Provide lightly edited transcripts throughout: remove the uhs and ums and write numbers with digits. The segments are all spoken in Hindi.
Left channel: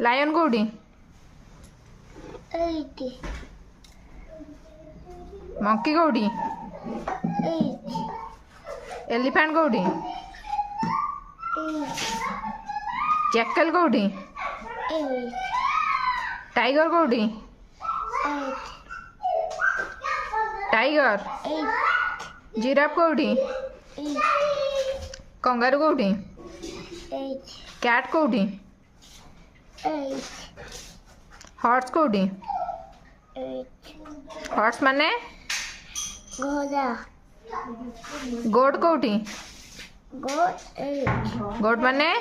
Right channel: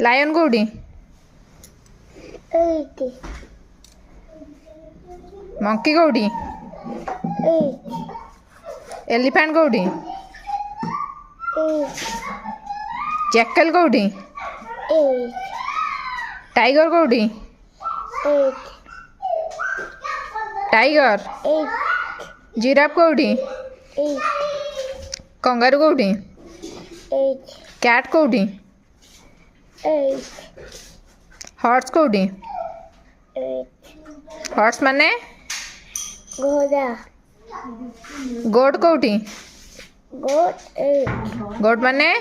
लायन कोठी मंकी कोठी एलिफेंट कोठी जैकल कोठी टाइगर कोठी टाइगर जिराफ कोठी कंगारू कोठी कैट कोठी हॉर्स कोठी हॉर्स माने घोड़ा गोट कोठी गोट गोट माने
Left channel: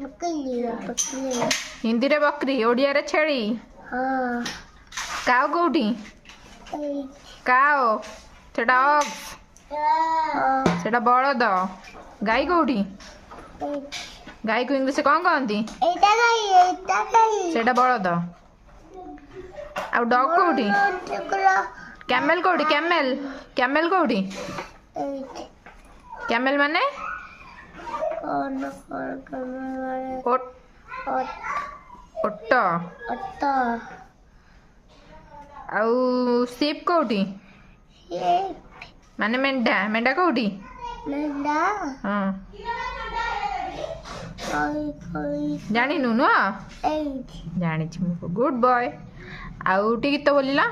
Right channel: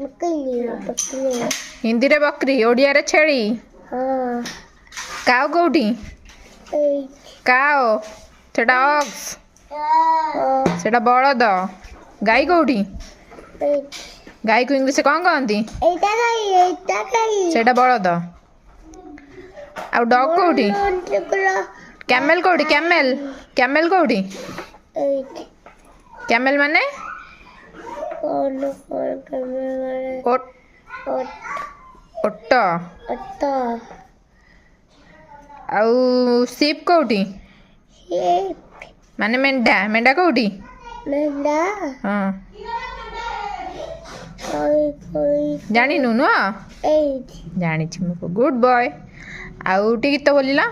बकरी हिंदी रे बकरी ओडिया रे छेली हाँ काव कोठी काव सेटा ऑक्स सेटा बलद गाई कोठी गाई को इंग्लिश कौन कहती सेटा बलद आ डॉग कोठी कैमेल कोठी कैमेल कैमेल कोठी कैमेल माने ओट ओट आउ सीप कोठी माने मेंढा मेंढा कोठी हाँ जानिनु न जानी गुड बॉय आउ टी गीत बोलिला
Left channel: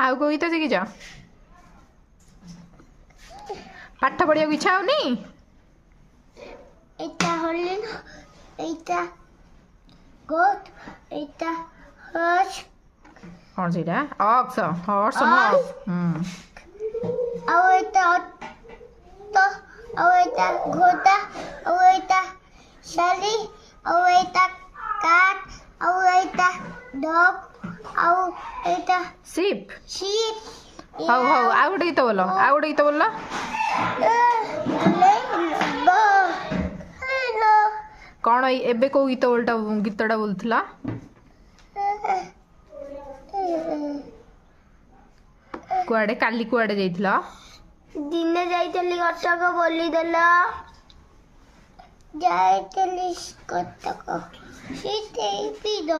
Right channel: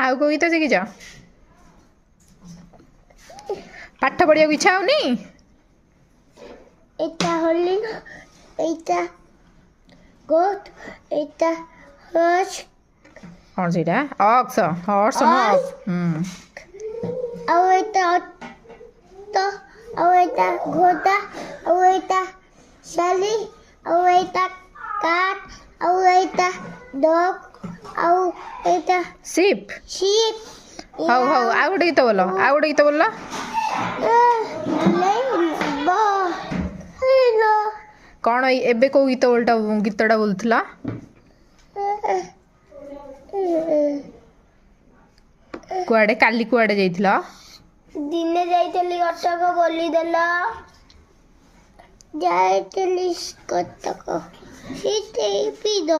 आउ को गीत शिखिच पाठ पढ़िया इच्छा होनी এটা হলি না এইটা গোট এইটা হর্স कौन सी ऑक्स हॉर्स नो और এটা তো और এটা ঘোড়া और এটা শালি और এটা কাট और এটা डॉग और এটা सीप शीप हाउ हाउ आ गोटे गीत बोल आ गोटे गीत बोल कौन एबे को गीत बोलटा गीतटा बोलुला कुआडे काली कुआडे जाइथिला दिने जाइतली कटक बोली देला जाइतली कटक सीते पी